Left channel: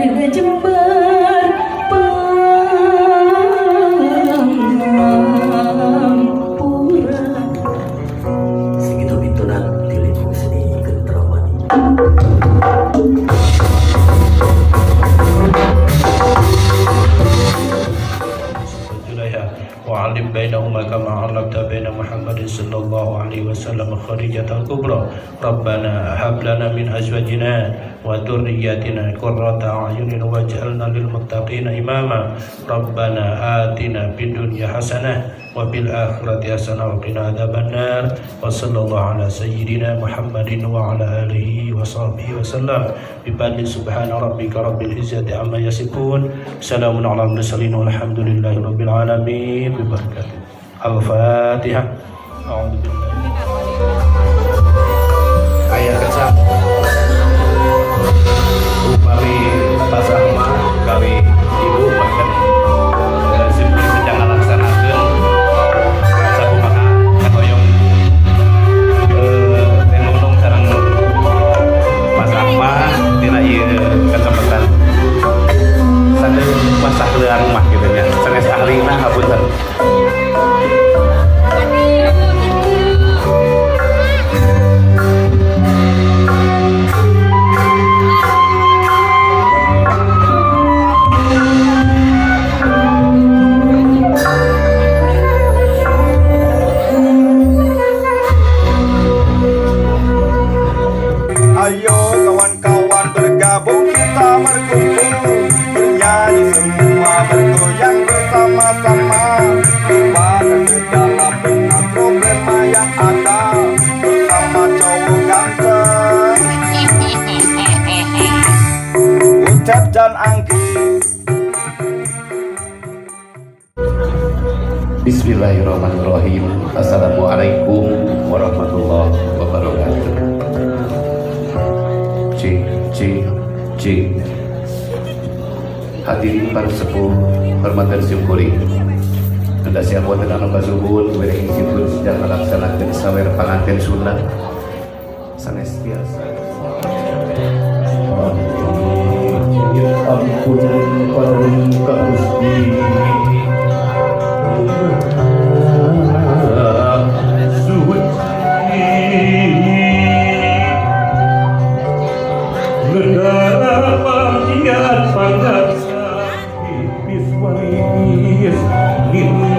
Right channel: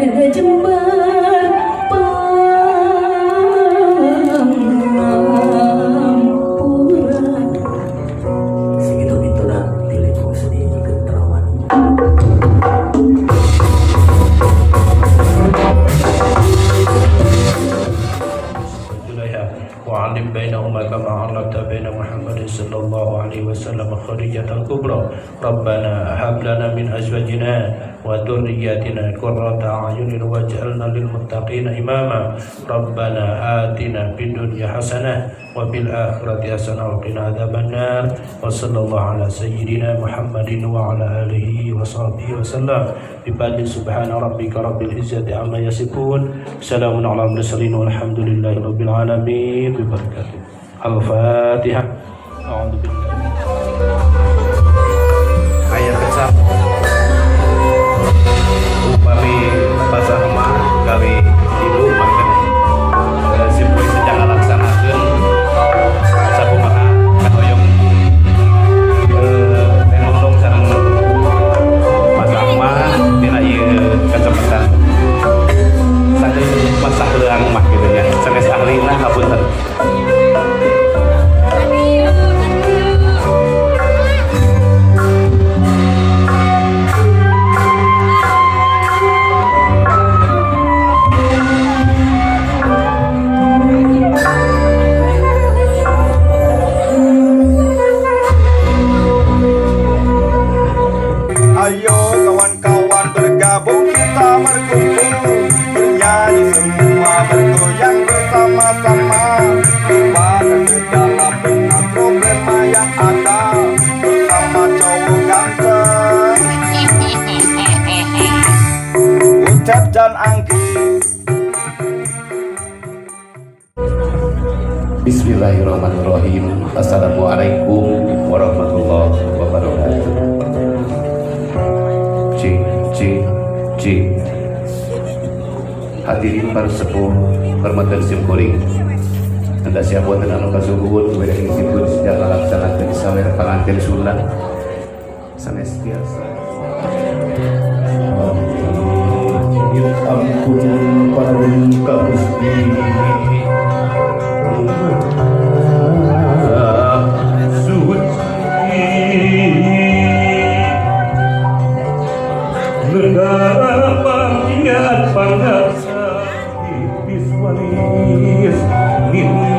Nada Jember Pura segitu itulah dilipung seni Gentrawani. وعلم بينهما كما علمت بين محمد صلى الله عليه وسلم خديجة الكبرى ربنا هب لنا من أزواجنا وذرياتنا قرة أعين واجعلنا للمتقين إماما ربنا آتنا في الدنيا حسنة وفي الآخرة حسنة وقنا عذاب النار وصلى الله على سيدنا محمد وعلى آله وصحبه وسلم بفضل سبحان ربك رب العزة عما يصفون سلام على المرسلين والحمد لله رب العالمين ببركاته الفاتحة أعوذ بالله ayat kecap upami pasar mah gawe ibu bahkan simpul sedang ngalaksanakeun sakumaha katoyong ngomong sareng pasar mah dina ieu kecamatan saking pasar leang mah kitu nya sanes ahlina ngapunten. Ayo kawan-kawan bergabung kita berkumpul bernyanyi semua bergoyang bersama-sama lupakan segala benar problema yang ada bersama cowok ganteng Ucap dan Anggi. Bismillahirrahmanirrahim. Assalamualaikum warahmatullahi wabarakatuh. C hadirin para sepuh hormatan simkuring anda siapkan dengan anu kasuhun kepada institut sedang melaksanakan sawer pengantin Sunda sanes biasa ampun paring ka Gusti negara panggiat panggaksa ipis waris nini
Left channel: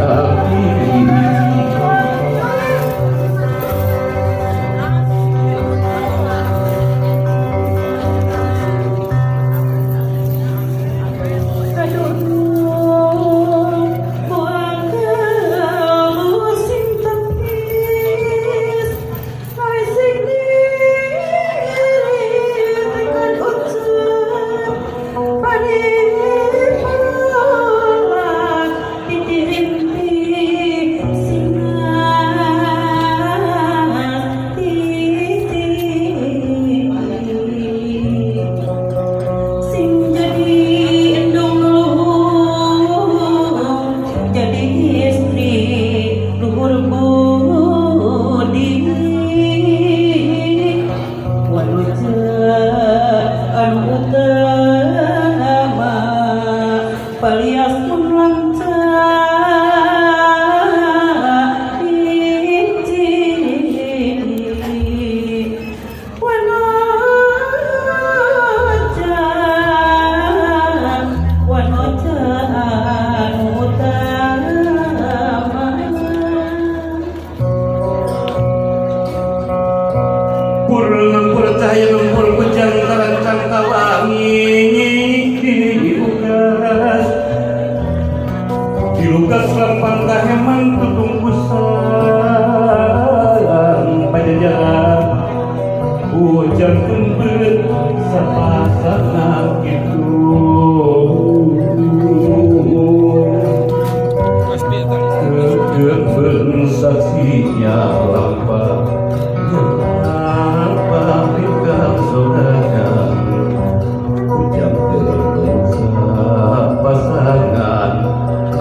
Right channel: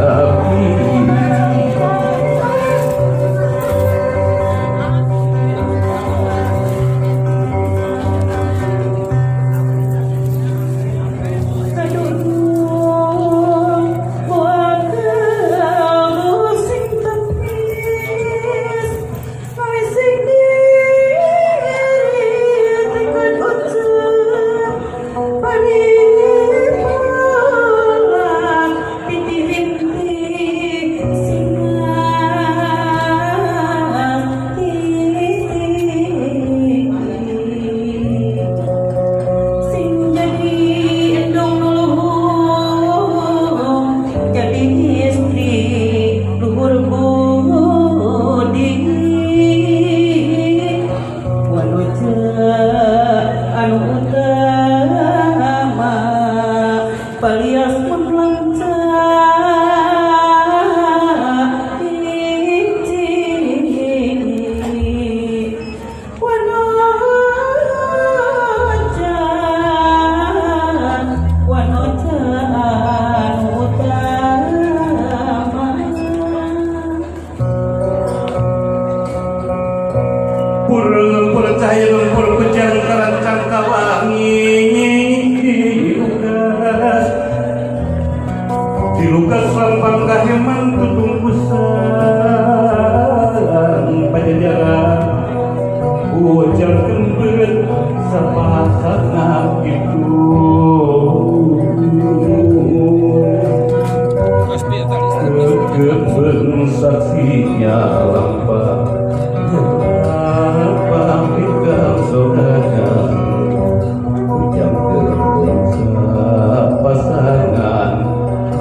api percaya lempur kujang karancang kawangi dilukas lampang kaheman tutung kusan pajajaran hujan kembet sapasangan itu kedemen saksinya lampang pasangan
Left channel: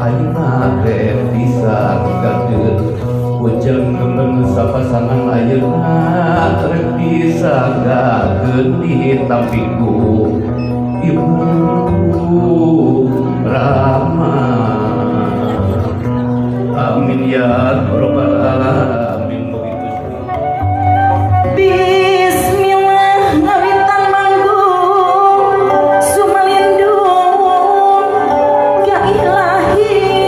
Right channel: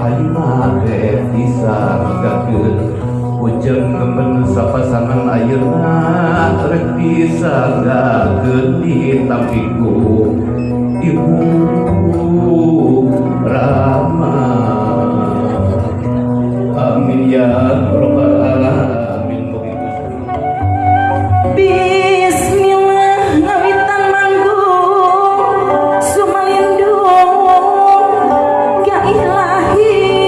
ayeuna teh bisa kageut ujang gemen sapasangan ayeuna rek bisa disagakeun di tampiku Ibu Rama. Amin ya rabbal alamin. Bismillah ngawitan manggung sumalindung ya ilahi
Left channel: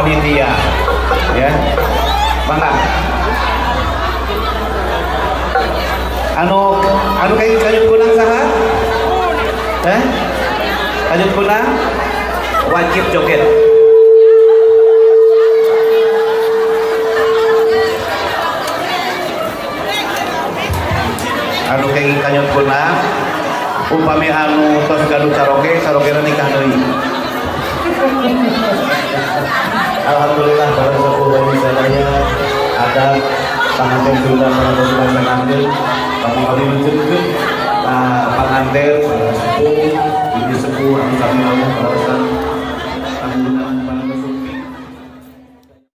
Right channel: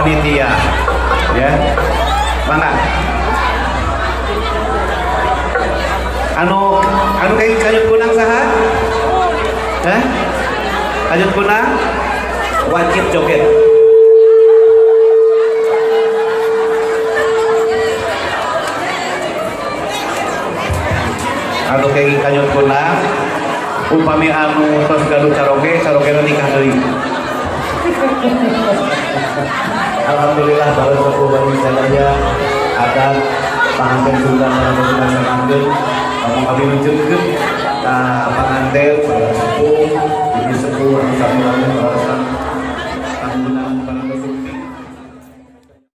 panitia. Ya. Mangga. Anu kayak kayut kunang saha? Kayut kunang wajib joget. Anu kayak kayut kunang upami anu tos gaduh karaoke nikah deui. Alhamdulillah para sepuh bani sadaya adat panganten Sunda sareng sanganten kamu kami wujudkeun panganten para sepuh ibu sepuh anu sami